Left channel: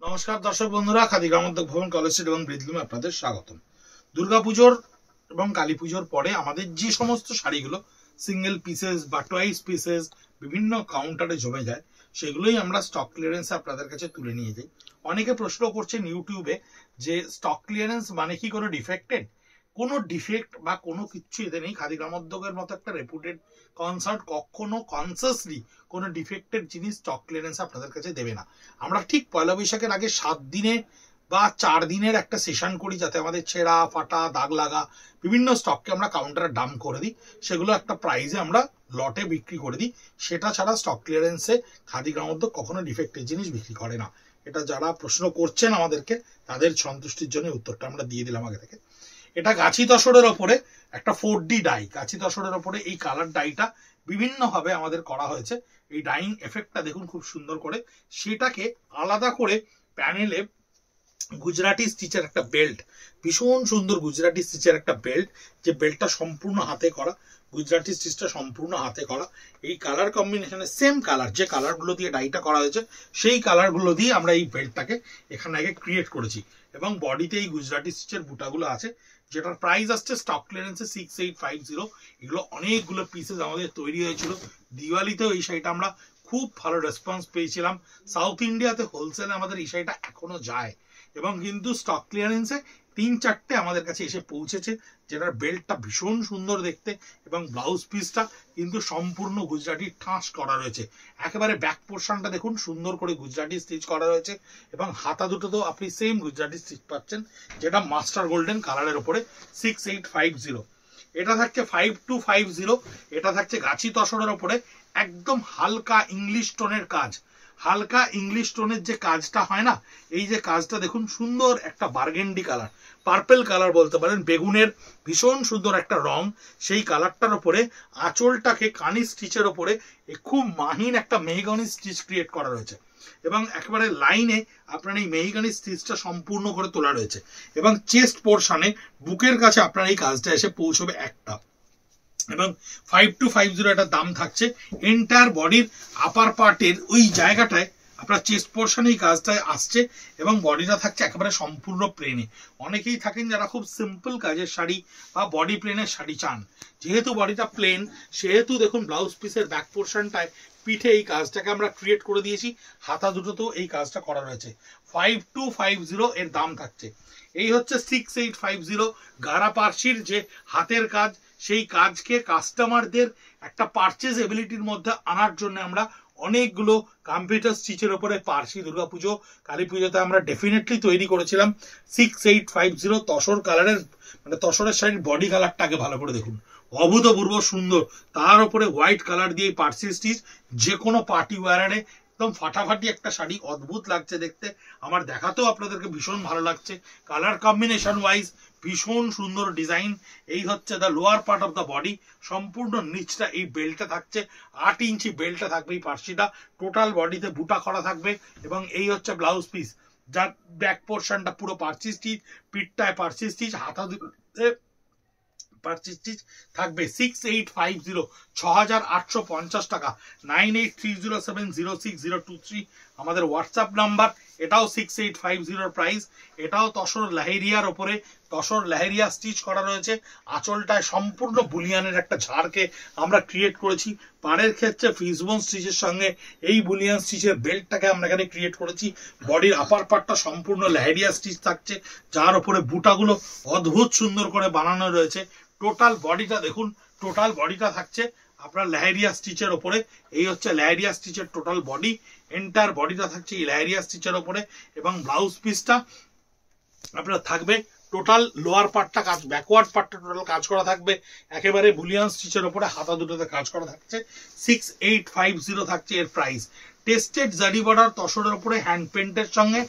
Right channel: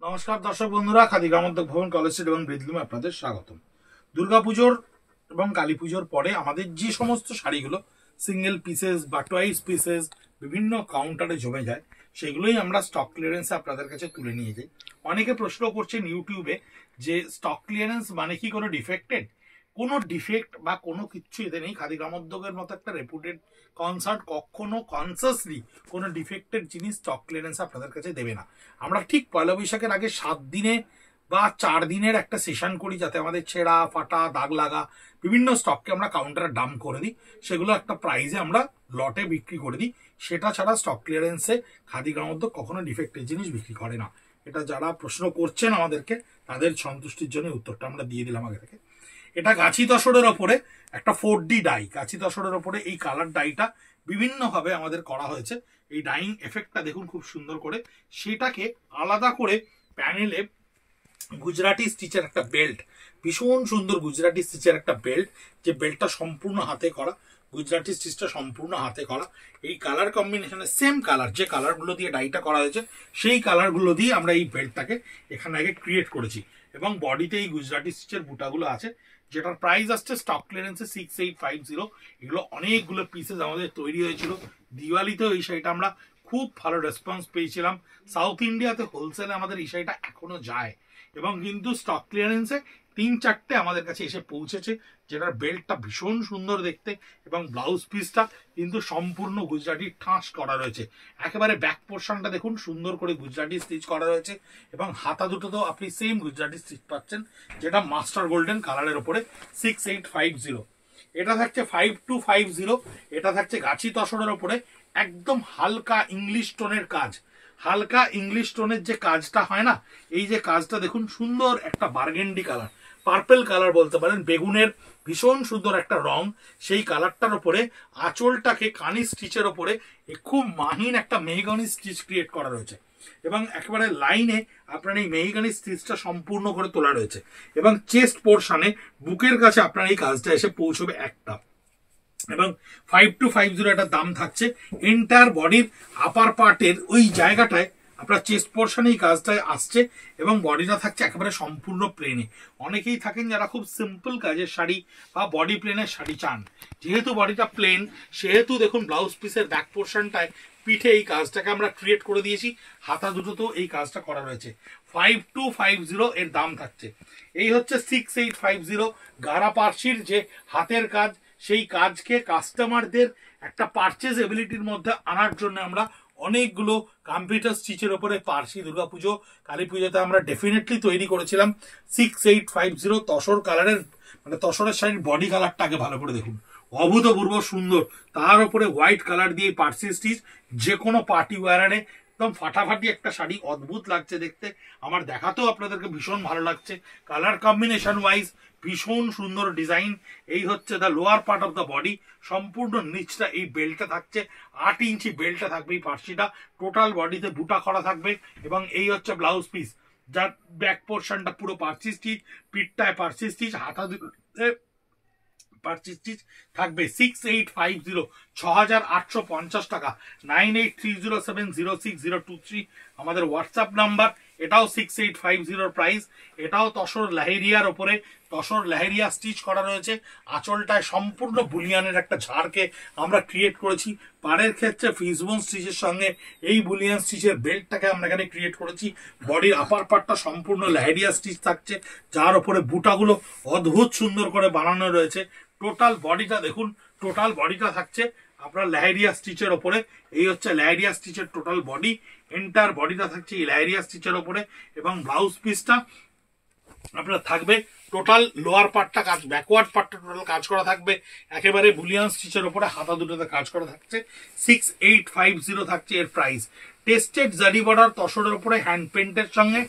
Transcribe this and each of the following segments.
নমস্কার দর্শক বন্ধুরা, খাদি গ্রামোদ্যোগ ভবন, কলেজ স্ট্রিট এবং ব্রিজলুমে আপনাদের স্বাগতম। দুর্গাপুজোর এবং কালী পুজোর পরে আমাদের যে সমস্ত শাড়িগুলো সিঙ্গেল পিসেস বা টয়েস পিসেস বিভিন্ন কাউন্টারে জমে যায়, সেগুলোই আমরা স্টক ক্লিয়ারেন্সে আপনাদের কাছে তুলে নিয়ে যাই। অনেকে প্রশ্ন করছেন ইউটিউবে যে স্টক ক্লিয়ারেন্স মানে কি কোনো ডিফেক্টেড? কোনো ডিফেক্ট বা কোনো কিচ্ছু এতে নেই। খাদি গ্রামোদ্যোগের মতো একটা রেপুটেড কনসার্ট কখনো কনসাসলি কোনো ডিফেক্টেড জিনিস স্টক ক্লিয়ারেন্স আপনাদের কাছে দেবে না। আমরা ঠিক পয়লা বৈশাখের আগে 7 দিনে বা 4 দিনের একটা সেশন করি, যাতে আমাদের ছেঁড়া ফাটা দাগ লাগা বিভিন্ন স্টককে আমরা কাউন্টারে ডাম্প করে দিই, সেগুলো একটা প্রাইজে আমরা লটে বিক্রি করে দিই। সেটা ছাড়া স্টক ক্লিয়ারেন্সে খাদি গ্রামোদ্যোগ কখনো ডিফেক্টেড জিনিস বিক্রি করে না। এটা যারা প্রশ্ন করছেন আমাদেরকে, তাদের সন্তুষ্টির জন্য উত্তরটা আমরা দিয়ে দিলাম আগে থেকে। এটা গাছি তসরের ওপরে একটা 4D ডাই, গাছি তসরের ওপরে এই কালার ডাইটা বিভিন্নভাবে আমাদের করা হয়েছে। এই ডাইং এফেক্টটা দেখুন খুব সুন্দর করে, সেটাকে আলাদা করে প্যানেলে গুজরাটি স্টিচের একটা বেল্ট, ভীষণ সুন্দর গুজরাটি স্টিচের একটা বেল্ট, যে বেল্টটা সম্পূর্ণ হাতে করা, গুজরাটি স্টিচটা সম্পূর্ণ হাতে করা। এই কালার কম্বিনেশনে সেম কালার, যে কালারগুলো দিয়ে ডাইটা করা হয়েছে সেই কালারগুলো দিয়ে আমরা এই বেল্টটাকে এখানে আগে ক্রিয়েট করেছি। এবং বডিতে এই গুজরাটি স্টিচের বুটাগুলো আছে, যেটার প্রাইস আসছে স্টক ক্লিয়ারেন্সে 6850। এগুলো অনেকগুলো পিসেস আমাদের তৈরি হয়েছিল। দিওয়ালিতেও এই শাড়িটা আমরা খুব ভালো রেসপন্স পেয়েছিলাম। সাউথ ইন্ডিয়াতে হোলসেলে আমাদের এই শাড়িটা এখনো যায়, এবং কিন্তু স্টক ক্লিয়ারেন্সে 3-4টে আমাদের কাছে এসে পৌঁছেছে, যেটার বেল্টটা ভীষণ সুন্দর দেখতে এবং ব্লাউজ পিসটা কিন্তু সম্পূর্ণ গুজরাটি ঠাঁস করা রয়েছে। একেবারে ব্যাক পোর্শনটা দেখুন সুন্দর করে গুজরাটি স্টিচ করা রয়েছে, এবং হাতা দুটো তো আপনি সেম গুজরাটি স্টিচ পাচ্ছেন, যেটা মাস্টার গোল্ডেন কালারের উপরে 6850। এটা থাকছে 5250। এটা থাকছে গাছি তসরের ওপরে একদম হালকা ইংলিশ টোনের কাজ। হালকা ইংলিশ টোনের যে কাজটা হয় না, এই যে কাজটা দেখুন, সুন্দর একটা বার্গেন্ডি কালার, পার্পেল কালার বলতে পারেন, বেগুনের ভীষণ সুন্দর একটা রং। সেই কালারটার উপরে আঁচলটাকে কানি স্টিচের ওপরে খুব মাহিন একটা মেহগনি স্টিচ ক্রিয়েট করা রয়েছে, এবং একেবারে লাইনে আপনার এই মেহগনি স্টিচটা সম্পূর্ণ করে তোলা রয়েছে। এবং চেস্ট পোর্শনে বুকের কাছে আপনার এই কাজটা এসে পৌঁছবে একটা, এবং 5250 একটা দাম থাকছে। এন্টায়ার বডির আপার পার্টের ওই জায়গাটায় আপনার চেস্ট পোর্শনে এই কাজটায় আসছে, এবং বডিটা থাকছে একেবারে সম্পূর্ণ প্লেনে। অনেকেই থাকেন যারা খুব সিম্পল কাজের শাড়ি বা বডি প্লেনের শাড়ি চান। যেহেতু বডিটা প্লেন, সেহেতু দেখুন ব্লাউজ পিসের ব্যাক পোর্শনটায় পিঠে এই কাজটাকে আমরা ক্রিয়েট করে দিয়েছি। হাতা দুটোতেও এই কাজটা করা রয়েছে। 5250 এর দাম থাকছে। এই হচ্ছে 6850 গারা পার্সির যে হাতের কাজ, সেই কাজকে কাস্টমারদের একটা পারচেজ এবিলিটির মধ্যে আনার জন্য আমরা অনেকগুলো কম্পিউটার স্টিচের ওপরে পার্সি দুর্গাপুজো কালী পুজোতে আমরা ডেফিনেটলি তৈরি করেছিলাম। 6850 তসর কালারের, মানে তসরের শাড়ির বডি কালারটাকে ভালো করে দেখুন, অভূতপূর্ব সুন্দর। তার উপরে হোয়াইট কালার দিয়ে পার্সি স্টিচ, যে কোনো পার্টি ওয়ারে একদম ফাটাফাটি একটা শাড়ি, অদ্ভুত লাগছে দেখতে। আমার দেখাতেও আপনাদেরকে ভীষণ ভালো লাগছে। কালার কম্বিনেশন ওয়াইজ ভীষণ সুন্দর ডিজাইন। এই হচ্ছে the lower part of the body, সম্পূর্ণ নিচটা এই বেল্টে থাকছে। 8 ইঞ্চি বেল্টে থাকবে এই পার্সিটা, টোটাল বডিতে বুটা করা থাকবে। এবং এই হচ্ছে ব্লাউজ পিস, যার ব্যাক পোর্শনটা পুরো পার্সি স্টিচ, পিঠটায় পার্সি স্টিচ, হাতা দুটোতে পার্সি স্টিচ থাকবে। 6850, 6850 টাকা। 9830706023 আমাদের হোয়াটসঅ্যাপ নাম্বার। এটাও 6850 প্রাইস। এটাও তসর লেহেরিয়ার ওপরে, তসর লেহেরিয়া স্টিচ করা রয়েছে। আঁচলটায় সম্পূর্ণ বুলিয়ানের একটা ঝাড়কে আমরা ক্রিয়েট করেছি। পাড়ের ক্ষেত্রে ফিসবোন স্টিচের সঙ্গে এই বুলিয়ান স্টিচের বেল্টটাকে আমরা এখানে ক্রিয়েট করেছি। বডির আপার পার্টটা সম্পূর্ণ লেহেরিয়া স্টিচ থাকছে, যার উপরে বুটাগুলো অদ্ভুত সুন্দর করে বানানো রয়েছে। টোটাল বডিটা দেখুন, টোটাল বডিটা থাকছে আপনার লেহেরিয়া স্টিচের ওপরে। এই হচ্ছে লেহেরিয়া স্টিচের টোটাল বডি। এন্টার বডিটা থাকছে এই লেহেরিয়া স্টিচের ওপরে, এবং ব্লাউজ পিসটা আপনার থাকবে টোটাল লোয়ার পার্টটা কাজ, ব্যাকওয়ার্ড পার্টটা টোটাল কাজ করা থাকবে একেবারে বুলিয়ান স্টিচের ওপরে, হাতা দুটোতে কাজ করা থাকছে। 6850 থাকছে এর প্রাইস। টেস্টেড জারি বর্ডার তসরের উপরে হ্যান্ড পেন্টের সঙ্গে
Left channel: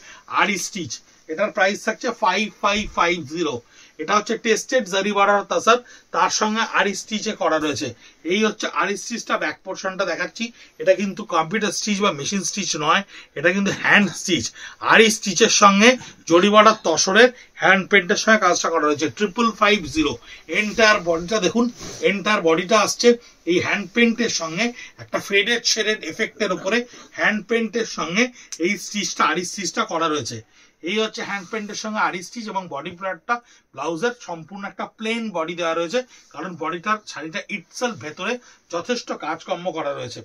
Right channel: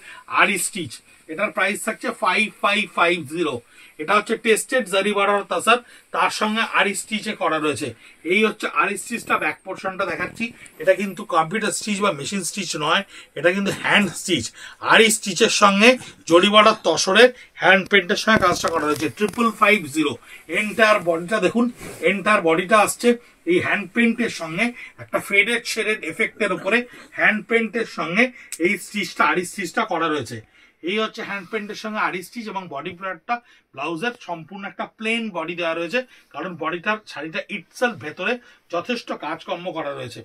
আরি স্টিচ। এটার প্রাইস থাকছে 5550। এটা হচ্ছে টেস্টেড জারি বর্ডার তাসার, তার সঙ্গে আরি স্টিচে করা রয়েছে। এই হচ্ছে আরি স্টিচটা, ব্যাক পোর্শনটা দেখাচ্ছি। এটা কিন্তু কম্পিউটার স্টিচ বা মেশিন স্টিচ নয়, এটা কিন্তু হ্যান্ড স্টিচ। আরি স্টিচের সঙ্গে জরি বর্ডার তসরের হ্যান্ড পেন্টের সঙ্গে কাজটা করা রয়েছে। 5550। এন্টায়ার বডিটা দেখুন, এন্টায়ার বডিটা আসছে এই হ্যান্ড পেন্টের সঙ্গে একটা ফেডেড শেডেড এফেক্টের উপরে হ্যান্ড পেন্টের সঙ্গে এই স্টিচটা, আরি স্টিচটা করা রয়েছে। এই হচ্ছে হ্যান্ড পেন্টের সঙ্গে আরি স্টিচ, এবং বডি প্যাডটা ব্লাউজের সম্পূর্ণ একটা প্লেন বডি দেওয়া রয়েছে, কারণ বডিটার শাড়িটা ইটসেলফ ভেতরে যথেষ্ট কাজকর্ম করা রয়েছে।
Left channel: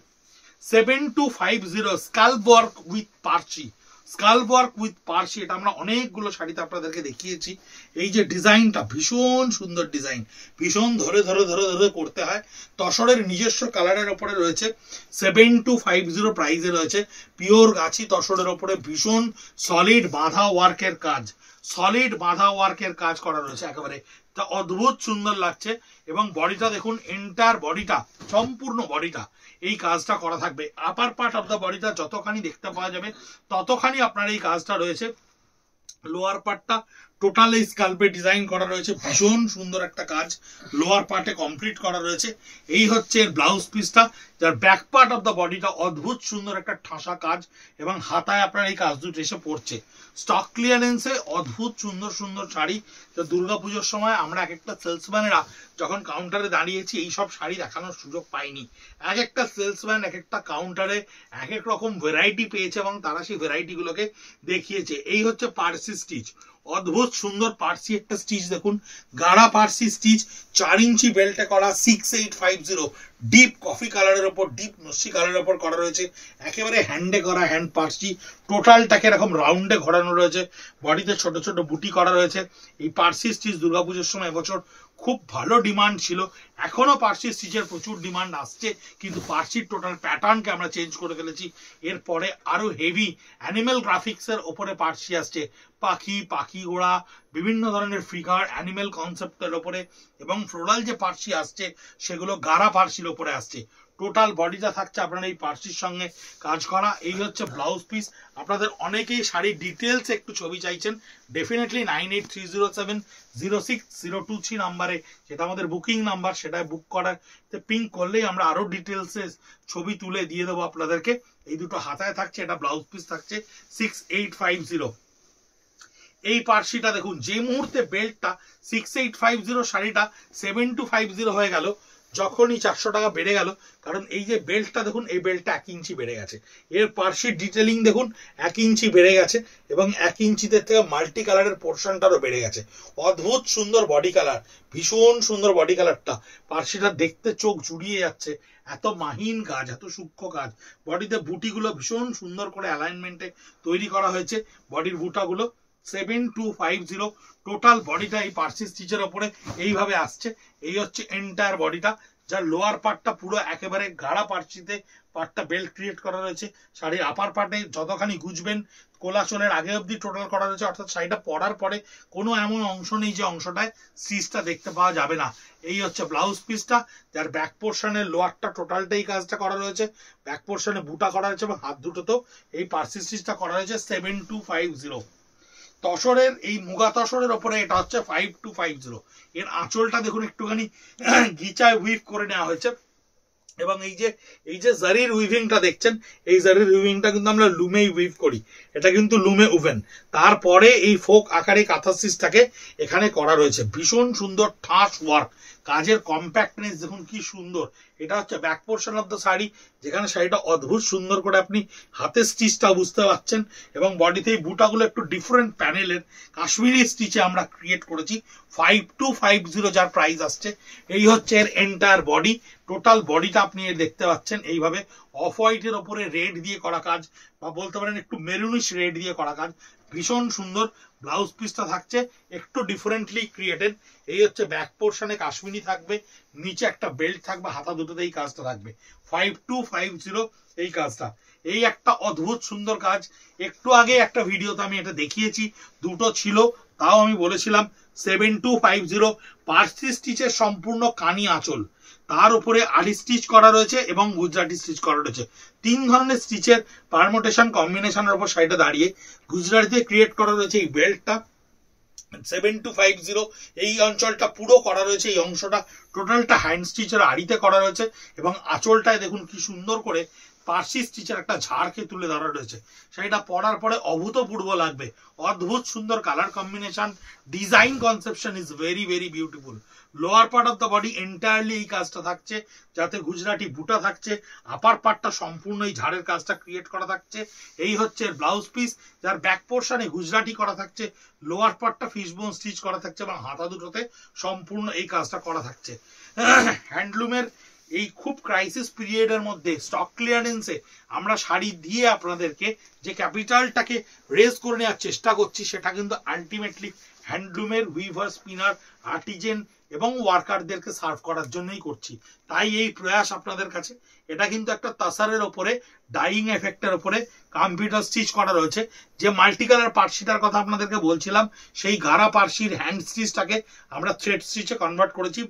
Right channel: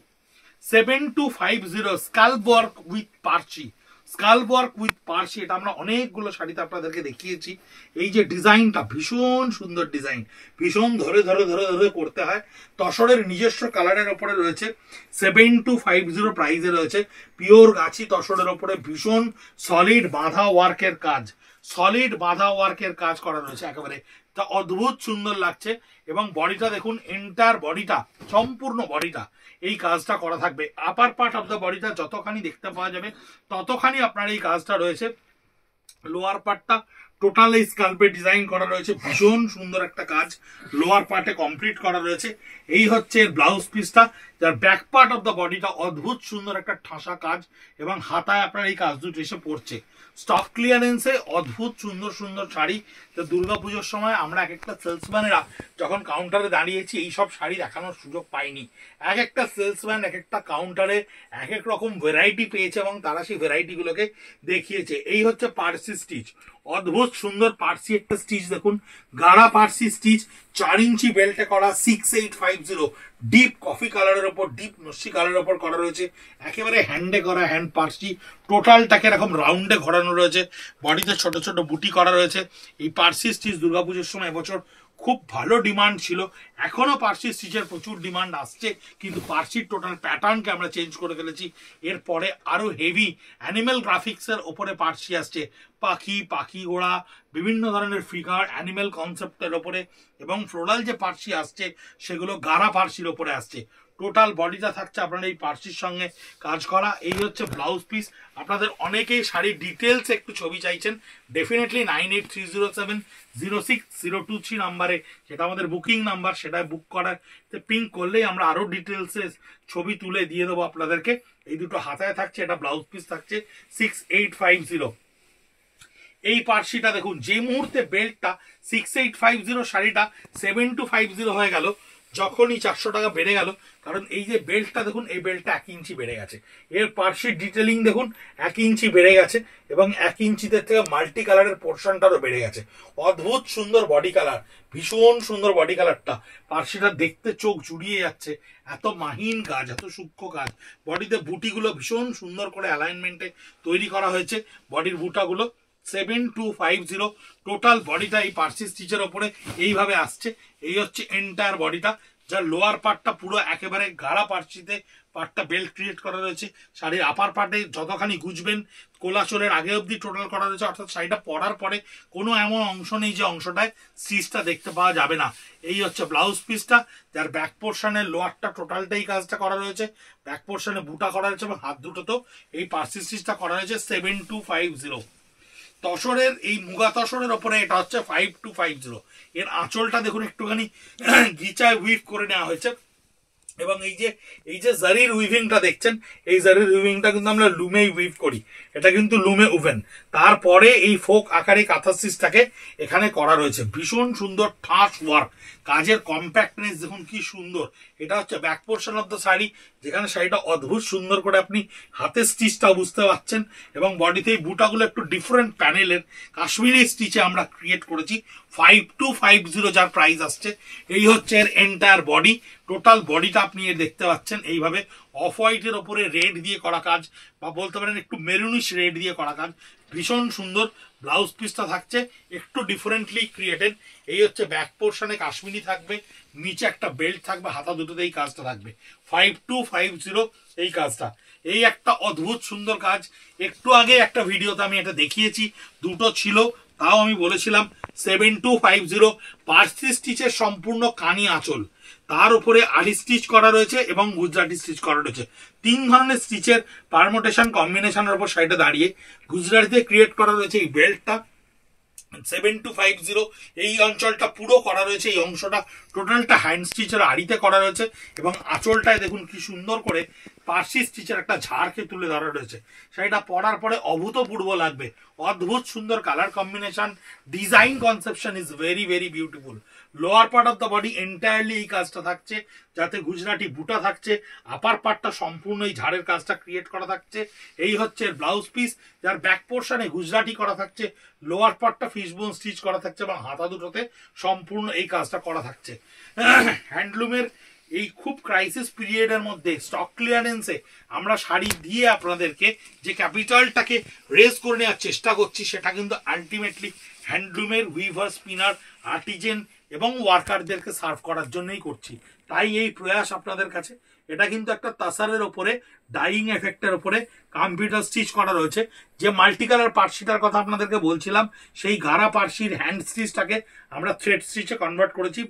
7250 স্কাল্প ওয়ার্ক উইথ পার্সি। স্কাল্প ওয়ার্ক উইথ পার্সি, এটা আমরা অনেকগুলো শাড়িতে আপনাদেরকে দেখিয়েছি। এই যে ডিজাইনটা ভীষণ সুন্দর ডিজাইন, ভীষণ ধরে ধরে ধরে ধরে করতে হয়। তসরের নিজস্ব কালারের ওপরে রয়েছে। 7250 প্রাইসে রয়েছে। পিওর গাছি তসরের ওপরে ভীষণ সলিড বাঁধা ওয়ার্কের কাজ, সলিড বাঁধা ওয়ার্কের কাজ করা রয়েছে একেবারে। তা অদ্ভুত সুন্দর লাগছে। এবং বডিটা দেখুন, এন্টায়ার বডিটা, সম্পূর্ণ বডিটা এই কাজটা করা থাকবে। আপার পার্ট অফ দ্য বডিটা যতখানি দেখতে পাওয়া যাবে ততখানি আপনার এই কাজটা রয়েছে। লোয়ার পার্টটা টোটাল এই স্কাল্পে ডিজাইন করা রয়েছে, ভীষণ সুন্দর একটা কাজ লোয়ার পার্টে কমপ্লিট করা রয়েছে। এই হচ্ছে ব্লাউজ পিসটা, যার ব্যাক পার্ট অফ দ্য বডিটা অদ্ভুত সুন্দর একটা ঠাসা কাজ, এবং হাতায় আপনার এই কাজ দুটো এসে পড়ছে। স্টক ক্লিয়ারেন্সে অদ্ভুত সুন্দর সুন্দর শাড়ি। তো দুর্গাপুজোর সময় আমরা এক একটা সেলসম্যানেরা যখন কাউন্টারে দাঁড়িয়েছি এই সব শাড়ি দেখানোর সুযোগ পাইনি। এক একটা সেলসম্যান এক একটা কাউন্টারে এক এক রকম ভ্যারাইটি পেয়েছে, এবং তারা সেই ভ্যারাইটিগুলোকে দেখিয়েছে। এই হচ্ছে পার্সি স্টিচ, অদ্ভুত সুন্দর পার্সি একটা স্টিচ দেখুন, গাঢ়া পার্সি স্টিচ, 4 ইঞ্চি বেল্টে করা। 6850 ডিপ কফি কালারের ওপর, ডিপ নস্যি কালারের ওপর করা রয়েছে। একেবারে হ্যান্ডে করা হ্যান্ড পার্সি, টোটালটাকে এরকম রাউন্ডে ঘোরানো রয়েছে। বডিতে ছোট ছোট বুটি করা রয়েছে। এই পার্সি স্টিচ দুর্গাপুজোর সময় এবছর খুব ভালো ডিমান্ড ছিল। এখনো পার্সি স্টিচের প্রচুর ডিমান্ড আসছে, কিন্তু পার্সির টোটাল প্যাটার্নকে আমরা চেঞ্জ করে ফেলেছি। এরপরে আরো হেভি অ্যানিমেল গ্রাফিক্সের ওপরে পার্সি আসছে, পাখি, পাখি ঘোড়া, বিভিন্ন ধরনের ফিগার অ্যানিমেল কনসেপ্টের ওপরে, এবং ফ্লোরাল যে পার্সি আসছে সেগুলো গাঢ়া পার্সির ওপরে আসছে। টোটাল বডিটা থাকছে আপনার এই পার্সির সঙ্গে কাজ করা। এই হচ্ছে ব্লাউজ পিস। আপনাদের অনেকেই শাড়ির ডিটেলস একটু ছবি চাইছেন, ডেফিনেটলি 9830706023 নাম্বারে, যেটা আমাদের বুকিং নাম্বার, সেটাই বুক করার পিঙ্ক করলেই আমরা আরো ডিটেলসে ছবি তুলে দিয়ে দেবো আপনাদেরকে। এই দুটো হাতায় থাকছে, এটা ব্লাউজ পিস থাকছে 6850। এই পার্সিটা দেখুন, যে মুহূর্তে বেল্টটা 6850 শাড়িটা 7250 হয়ে গেল, যখনই 400 টাকা বেড়ে গেল, কারণ এই যে বেল্টটা দেখুন, এই বেল্টটা 1 ইঞ্চি বেড়ে গেছে। এর পার্সির ডিটেলিং দেখুন 1 ইঞ্চি বেড়ে গেছে, এবং 1 ইঞ্চিতে থেকে মাল্টি কালারের পোর্শনটারও বেড়ে গেছে। অদ্ভুত সুন্দর বডি কালার, ভীষণ সুন্দর বডি কালারটা। পার্সিটা দেখতে চোখ জুড়িয়ে যাচ্ছে, এত মাহিন কাজ, এত সূক্ষ্ম কাজ। বডিতে বুটিগুলো ভীষণ সুন্দর করে অ্যালাইনমেন্টে তৈরি করা হয়েছে। বডির বুটাগুলো 7250 টোটাল বডিটা এই পার্সি স্টিচের ওপরে এইভাবে আসছে। এই হচ্ছে এন্টায়ার বডিটা, যার লোয়ার পার্টটা পুরো একেবারে গাঢ়া পার্সিতে পার্টটা বেল্ট ক্রিয়েট করা রয়েছে। শাড়ির আপার পার্টে যতখানি গুজবেন কোলাচলের আগে অবধি টোটাল করা রয়েছে, অর্থাৎ শাড়িটা পরার পরে কোনো এমন অংশ নেই যে অংশটায় স্টিচটা দেখতে পাওয়া যাবে না। এই হচ্ছে ব্লাউজ পিসটা, যার ব্যাক পোর্শনের লোয়ারটা টোটালটাই কাজটা করা রয়েছে, ব্যাক পোর্শনে বুটা করা রয়েছে, এবং হাত দুটোতেও এই পার্সি স্টিচটা করা হয়েছে 7250। তসরের এই মুগা তসরের ওপরে এটা হচ্ছে 5250। এর আঁচলটা দেখুন একটুখানি গিচায় উইভ করে নেওয়া হয়েছে, এবং এই যে জারির উইভিংটা দেখছেন, এই জারির উইভিংটা কিন্তু আমরা লুমেই উইভ করি, এটা কিন্তু লুমে উভেন। তারপরে এই ফোক আকারে কাঁথা স্টিচটাকে এখানে করা রয়েছে। ভীষণ সুন্দর ঠাস ওয়ার্ক, কাজের কম্প্যাক্টনেস দেখুন কি সুন্দর। এটা হচ্ছে back portion of the sari, যেখানে শাড়িটা অদ্ভুত সুন্দর করে আপনি হাতে স্টিচটা বুঝতে পারছেন, এবং বডিতে এই বুটাগুলো একটু ডিফারেন্ট প্যানেলের কাশ্মীরি স্টিচে আমরা ক্রিয়েট করেছি। 5250 যার প্রাইস আসছে। এই হচ্ছে এর এন্টায়ার বডি, টোটাল বডিটা আপনি দেখতে পাচ্ছেন এইভাবে অফ হোয়াইটের ওপরে রেড দিয়ে করা কাজ, বা বলতে পারেন একটু মেরুনিশ রেড দিয়ে করা কাজ, ভীষণ সুন্দর। ব্লাউজ পিসটা থাকছে একটু ডিফারেন্টলি ক্রিয়েটেড। এই হচ্ছে ব্যাক পোর্শনে কাশ্মীরি থাকবে, নিচে একটা বেল্ট থাকবে, হাতা দুটোতে এই কাজটা থাকবে। 5250 এই কাজটা। এই একটা অদ্ভুত সুন্দর কাজ। একটু আগে একটা ভিডিওতে আমি এটা দেখিয়েছি, দুটো ছিল, তাও আমি বলেছিলাম 7250 পার্সি স্টিচের সম্পূর্ণ কানি আঁচল, তার উপরে আড়ি স্টিচ করা রয়েছে এবং গুজরাটি স্টিচ করা রয়েছে। 3 ধরনের স্টিচের পারমোটেশন কম্বিনেশনের উপর সাইডে দাঁড়িয়ে গুজরাটিতে ক্রিয়েট করা রয়েছে এই বেল্টটা। 7250 এই অঞ্চলটা পুরো করা রয়েছে, এই অংশটা টোটালটা হ্যান্ড স্টিচের আড়িতে করা রয়েছে এবং আঁচলটায় দেখুন কি সুন্দর করে পার্সি স্টিচের একটা ঝাড়কে তুলে ধরা রয়েছে। সেটা পরার পরে অভূতপূর্ব লাগবে, অদ্ভুত সুন্দর colour combination, design conception is very very beautiful. Lower part of the body entirely এই কাজটা থাকছে, যাতে গুজরাটি বুটা থাকছে, আপার পার্টটা সম্পূর্ণ এই ঝাড়ের কাজটা ক্রিয়েট করা থাকছে। এই হচ্ছে ব্লাউজ পিস, যার ব্যাক পোর্শনে গুজরাটি করা থাকছে, লোয়ার পার্টটা ফিশবোন স্টিচ করা থাকছে এবং হাতা দুটোতে সম্পূর্ণ এই কাজটা করা থাকছে। হ্যান্ডলুমের এই খুব ক্রাইসিস পিরিয়ডের মধ্যে স্টক ক্লিয়ারেন্সে আমরা শাড়ি দিয়ে আপনাদেরকে যে ক্যাপিটালটাকে রেজ করে নেওয়ার চেষ্টা করছি, সেটা কিন্তু আলটিমেটলি হ্যান্ডলুমের উইভার, স্পিনার, আর্টিজেন এবং ওয়ার্কারদেরকে সার্ভ করার জন্যই করছি। তাই এই প্রয়াস আপনাদের কাছে। এটা কিন্তু একটা তাসারের ওপরে ডাইং এফেক্টের ওপরে কম্পিউটার স্টিচ করা রয়েছে। যে মাল্টি কালার পার্সিটার কথা আপনাদেরকে বলছিলাম, সেই গাঢ়া পার্সির হ্যান্ড স্টিচটাকে আমরা থ্রেড স্টিচে কনভার্ট করেছি।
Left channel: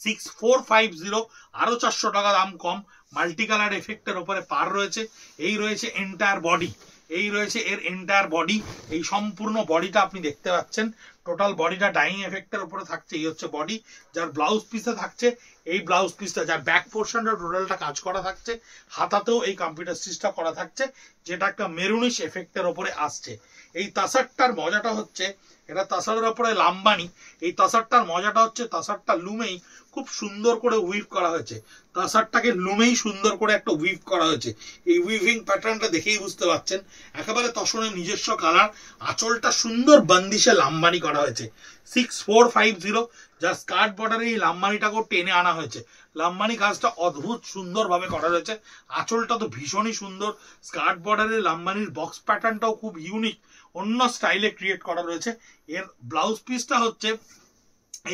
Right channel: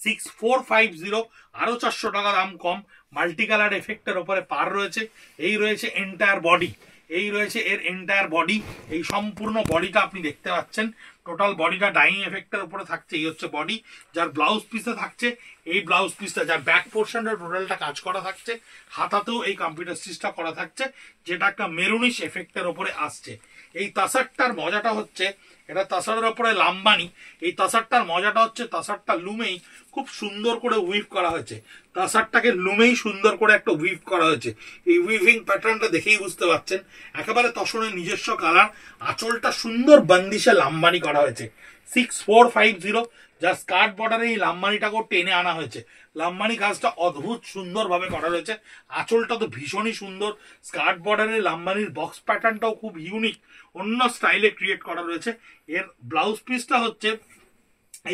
6450, আরো 400 টাকা দাম কম, মাল্টি কালার এফেক্টের ওপরে পার রয়েছে। এই রয়েছে এন্টায়ার বডি, এই রয়েছে এর এন্টায়ার বডি, এই সম্পূর্ণ বডিটা আপনি দেখতে পাচ্ছেন। টোটাল বডিটা ডাইং এফেক্টের উপরে থাকছে। এই হচ্ছে বডি, যার ব্লাউজ পিসে থাকছে এই ব্লাউজ পিসটা, যার ব্যাক পোর্শনটা টোটালটা কাজ করা থাকছে। হাতাতেও এই কম্পিউটার স্টিচটা করা থাকছে, যেটা একটা মেরুনিশ এফেক্টের ওপরে আসছে। এই তাসারটার মজাটা হচ্ছে, এটা তাসারের ওপরে লাম্বানি। এই তাসারটার মজাটা হচ্ছে তাসারটা লুমেই খুব সুন্দর করে উইভ করা হয়েছে। তাসারটাকে লুমেই সুন্দর করে একটা উইভ করা হয়েছে। এই উইভিং প্যাটার্নটা দেখেই বুঝতে পারছেন, একেবারে তসনের নিজস্ব কালার। আঁচলটা সুন্দর বান্দিশে লাম্বানি করা হয়েছে। 6450, যা স্কার্ট বর্ডারে এই লাম্বানিটাকেও টেনে আনা হয়েছে। লাম্বানি কাজটা অদ্ভুত সুন্দর ভাবে করা রয়েছে। আঁচলটা তো ভীষণই সুন্দর, স্কার্ট বর্ডারের লাম্বানির বক্স প্যাটার্নটাও খুব ইউনিক, অন্য স্টাইলে ক্রিয়েট করা রয়েছে। এর ব্লাউজ পিসটা হচ্ছে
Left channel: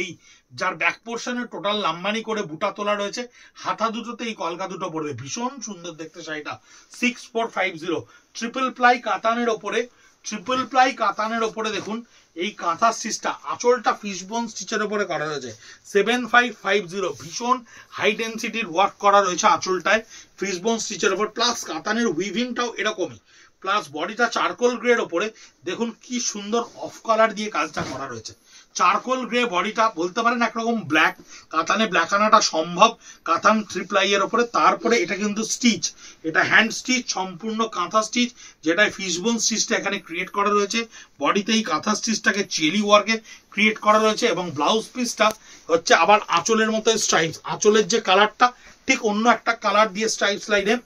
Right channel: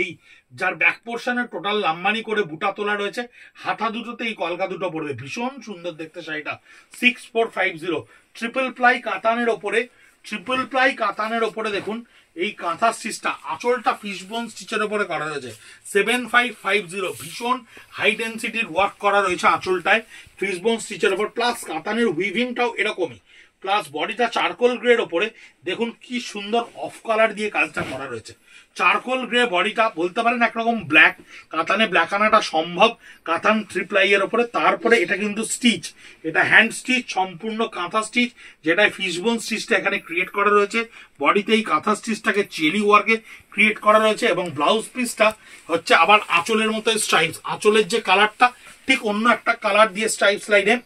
এই, যার ব্যাক পোর্শনে টোটাল লাম্বানি করে বুটা তোলা রয়েছে। হাতা দুটোতে এই কলকা দুটো পড়বে, ভীষণ সুন্দর দেখতে শাড়িটা। 6450 ট্রিপল প্লাই কাতানের ওপরে, ট্রিপল প্লাই কাতানের ওপরে দেখুন এই কাঁথা স্টিচটা, আঁচলটা ফিশবোন স্টিচের ওপরে করা রয়েছে। 7550 ভীষণ হাই ডেন্সিটির ওয়ার্ক করা রয়েছে আঁচলটায় ফিশবোন স্টিচের ওপর, প্লাস কাতানের উইভিংটাও এরকমই, প্লাস বডিটা চারকোল গ্রের ওপরে দেখুন কি সুন্দর অফ কালার দিয়ে কাজটা করা রয়েছে। চারকোল গ্রে বডিটা, বলতে পারেন একরকম ব্ল্যাক, কাতানে ব্ল্যাক আনাটা সম্ভব কাতান ট্রিপ্লাই এর ওপরে। তারপরে এটা কিন্তু স্টিচ, এটা হ্যান্ড স্টিচ, সম্পূর্ণ কাঁথা স্টিচ, যেটা ফিশবোন স্টিচটা এখানে ক্রিয়েট করা রয়েছে। বডিতে এই কাঁথা স্টিচটাকে চেলি ওয়ার্কে ক্রিয়েট করা রয়েছে এবং ব্লাউজ পিসটা হচ্ছে আবার আঁচলের মতো স্ট্রাইপস, আঁচলের যে কালারটা ঠিক অন্য একটা কালার দিয়ে স্ট্রাইপস লাইনে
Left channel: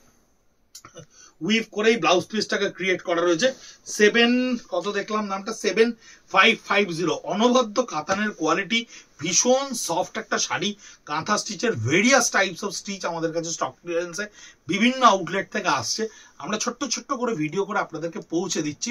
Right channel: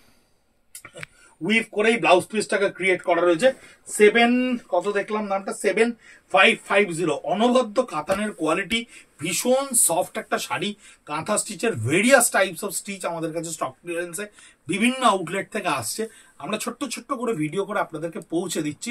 উইভ করেই ব্লাউজ পিসটাকে ক্রিয়েট করা রয়েছে। 7550 অনবদ্য কাতানের কোয়ালিটি, ভীষণ সফট একটা শাড়ি। কাঁথা স্টিচের ভেরিয়াস টাইপস অফ স্টিচ আমাদের কাছে স্টক ক্লিয়ারেন্সে বিভিন্ন আউটলেট থেকে আসছে। আমরা ছোট্ট ছোট্ট করে ভিডিও করে আপনাদেরকে পৌঁছে দিচ্ছি।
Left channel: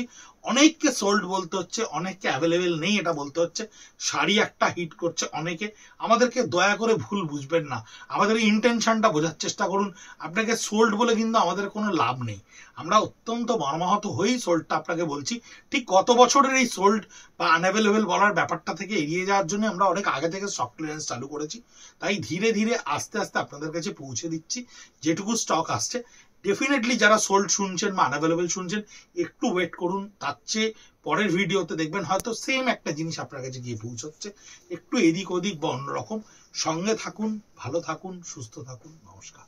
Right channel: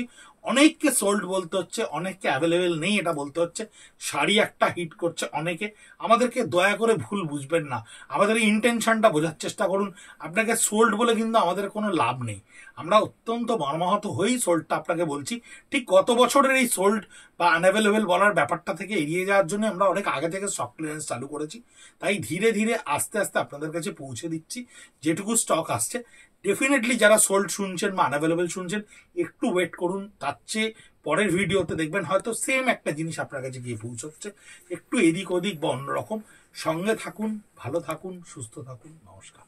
অনেককে সোল্ড বলতে হচ্ছে, অনেককে অ্যাভেলেবেল নেই এটা বলতে হচ্ছে। শাড়ি একটা হিট করছে অনেকে, আমাদেরকে দয়া করে ভুল বুঝবেন না, আমাদের ইন্টেনশনটা বোঝার চেষ্টা করুন। আপনাকে সোল্ড বলে কিন্তু আমাদের কোনো লাভ নেই, আমরা অত্যন্ত মর্মাহত হয়েই সোল্ডটা আপনাকে বলছি। ঠিক গত বছরের এই সোল্ড বা আনঅ্যাভেলেবেল বলার ব্যাপারটা থেকে এড়িয়ে যাওয়ার জন্য আমরা অনেক আগে থেকে স্টক ক্লিয়ারেন্স চালু করেছি। তাই ধীরে ধীরে আস্তে আস্তে আপনাদের কাছে পৌঁছে দিচ্ছি যেটুকু স্টক আসছে। ডেফিনেটলি যারা সোল্ড শুনছেন বা আনঅ্যাভেলেবেল শুনছেন, একটু ওয়েট করুন, তার চেয়ে পরের ভিডিওতে দেখবেন হয়তো সেম একটা জিনিস আপনার কাছে গিয়ে পৌঁছচ্ছে, একটু এদিক ওদিক বা অন্যরকম। সঙ্গে থাকুন, ভালো থাকুন, সুস্থ থাকুন। নমস্কার।